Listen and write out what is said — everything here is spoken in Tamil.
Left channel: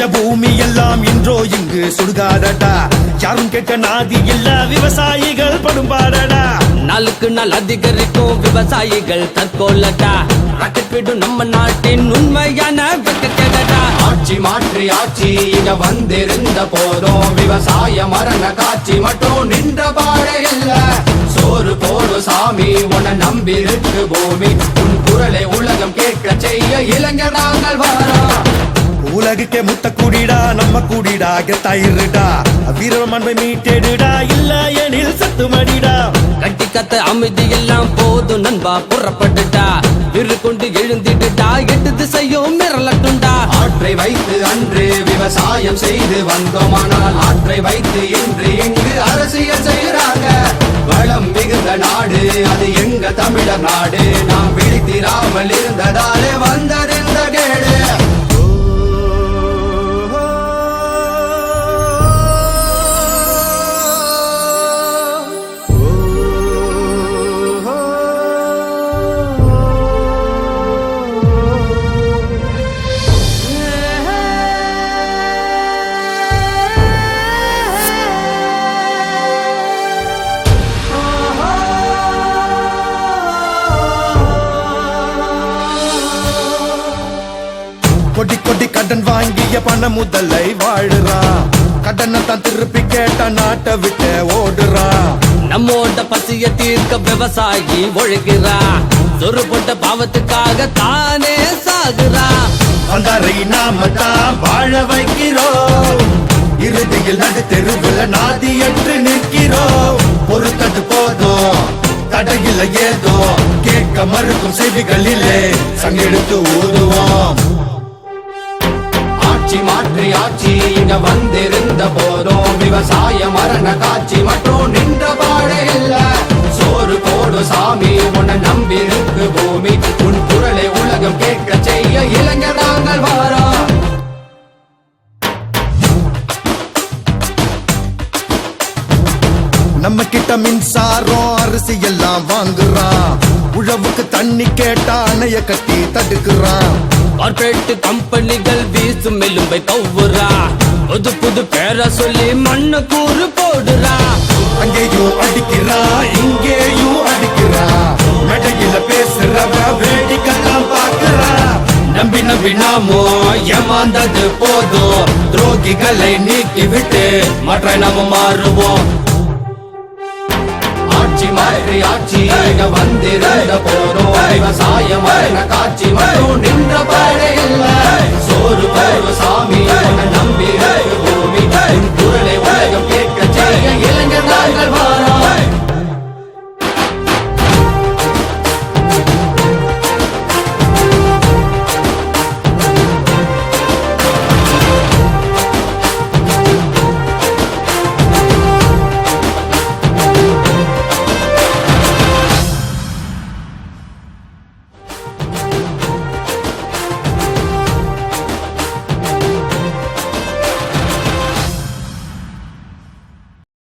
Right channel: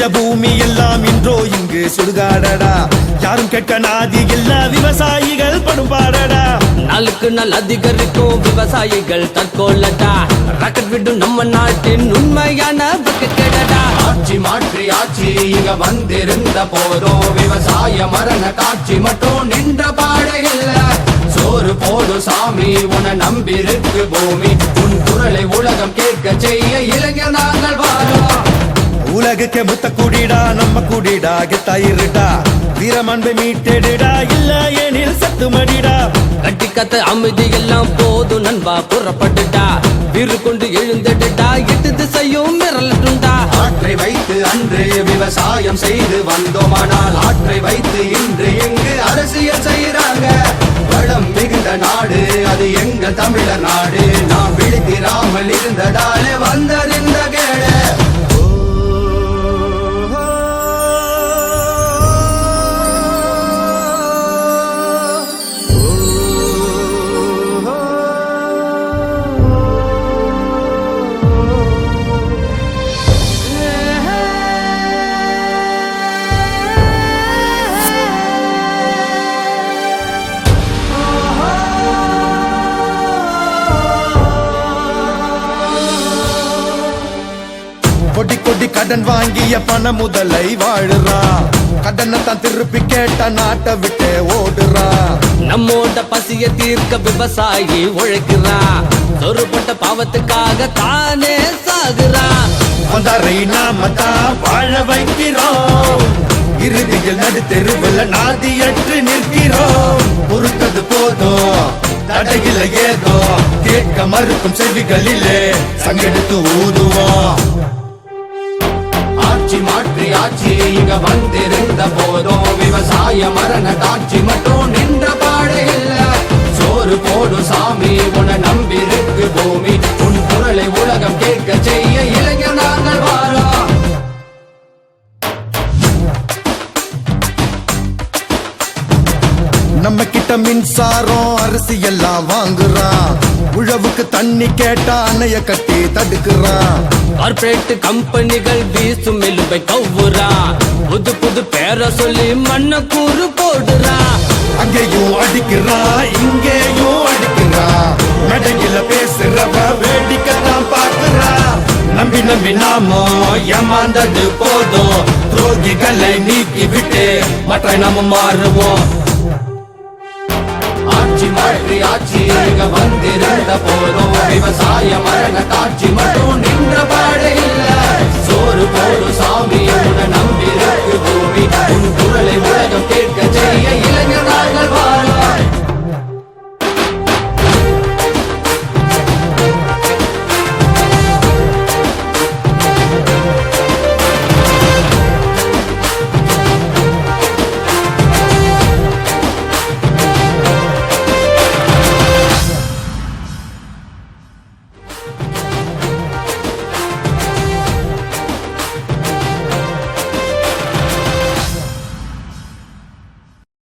பச்சை பூமி எல்லாம் இன்றோ இங்கு சுடுகாடடா. யாரும் கேட்க நாதி எல்லா விவசாயிகள் படுபாடடா. நாளுக்கு நாள் அதிகரிக்கும் விவசாயிகள் தற்கொள்ளடா. ராக்கெட் விடும் நம்ம நாட்டின் உண்மையான ஆட்சி மாற்றி ஆட்சி இங்க வந்திருந்த போதும் விவசாய மரண காட்சி மட்டும் நின்ற பாடு இல்ல. சோறு போடு சாமி உன நம்பிருக்கு பூமி. உன் குரலை உலகம் கேட்க செய்ய இளைஞர் நாங்கள் வாரோம். உலகுக்கு முத்த கூடிடா நம்ம கூடிடா கெத்தாயிருடா. வீரமாண்பை மீட்டெடுடா இல்ல எனில் சத்து மடிடா. கட்டி கத்த அமைதி எல்லாம் போதும் நண்பா புறப்பட்டுட்டா. வீறு கொண்டு எழுந்துட்டா எட்டு திசையும் மிரளட்டுண்டா. ஆற்றை வைத்து அன்று விவசாயம் செய்து வந்தோமானால் ஆற்றை வைத்து இன்று இங்கு அரசியல் செய்யறாங்க. வளம் மிகுந்த நாடு அது எங்க தமிழர் நாடு. நாம் விழித்திராமல் இருந்ததாலே வந்ததிந்த கேடு. கடன் வாங்கிய பண முதலை வாழுறான். கடனை தான் திருப்பி கேட்ட நாட்டை விட்டு ஓடுறான். நம்மோட பசிய தீர்க்க விவசாயி ஒழுகிறா. சொரு போட்ட பாவத்துக்காக தானே சாகுறா. வந்தாரை நாம தான் வாழ வைக்கிறோம். இறுதியில் நடு தெருவில் நாதியற்று நிற்கிறோம். பொறுத்தது போதும் தடையில ஏதோ கேட்க மறுக்கும் செவிகளிலே சங்கெடுத்து ஊதுவோம். ஆட்சி மாற்றி ஆட்சி இங்க வந்திருந்த போதும் விவசாய மரண காட்சி மட்டும் நின்ற பாடு இல்ல. சோறு போடு சாமி உன நம்பிருக்கு பூமி. உன் குரலை உலகம் கேட்க செய்ய இளைஞர் நாங்கள் வாரோம். நம்ம கிட்ட மின்சாரம் அரிசி எல்லாம் வாங்குறான். உழவுக்கு தண்ணி கேட்டா அணைய கட்டி தடுக்கிறான். கார்பரேட் கம்பெனிகள் வீசும் எலும்பை கவ்வுறா. புது புது பேரை சொல்லி மண்ண கூறு போடுறா. அங்கேயும் அடிக்கிறா இங்கேயும் அடிக்கிறா. மேடையில பேசுறவ வேடிக்கைத்தான் பார்க்கிறா. நம்பி நம்பி நாமோ ஏமாந்தது போதும். துரோகிகளை நீக்கி விட்டு மற்ற நாம மாறுவோம். ஆட்சி மாற்றி ஆட்சி இங்க வந்திருந்த போதும் விவசாய மரண காட்சி மட்டும்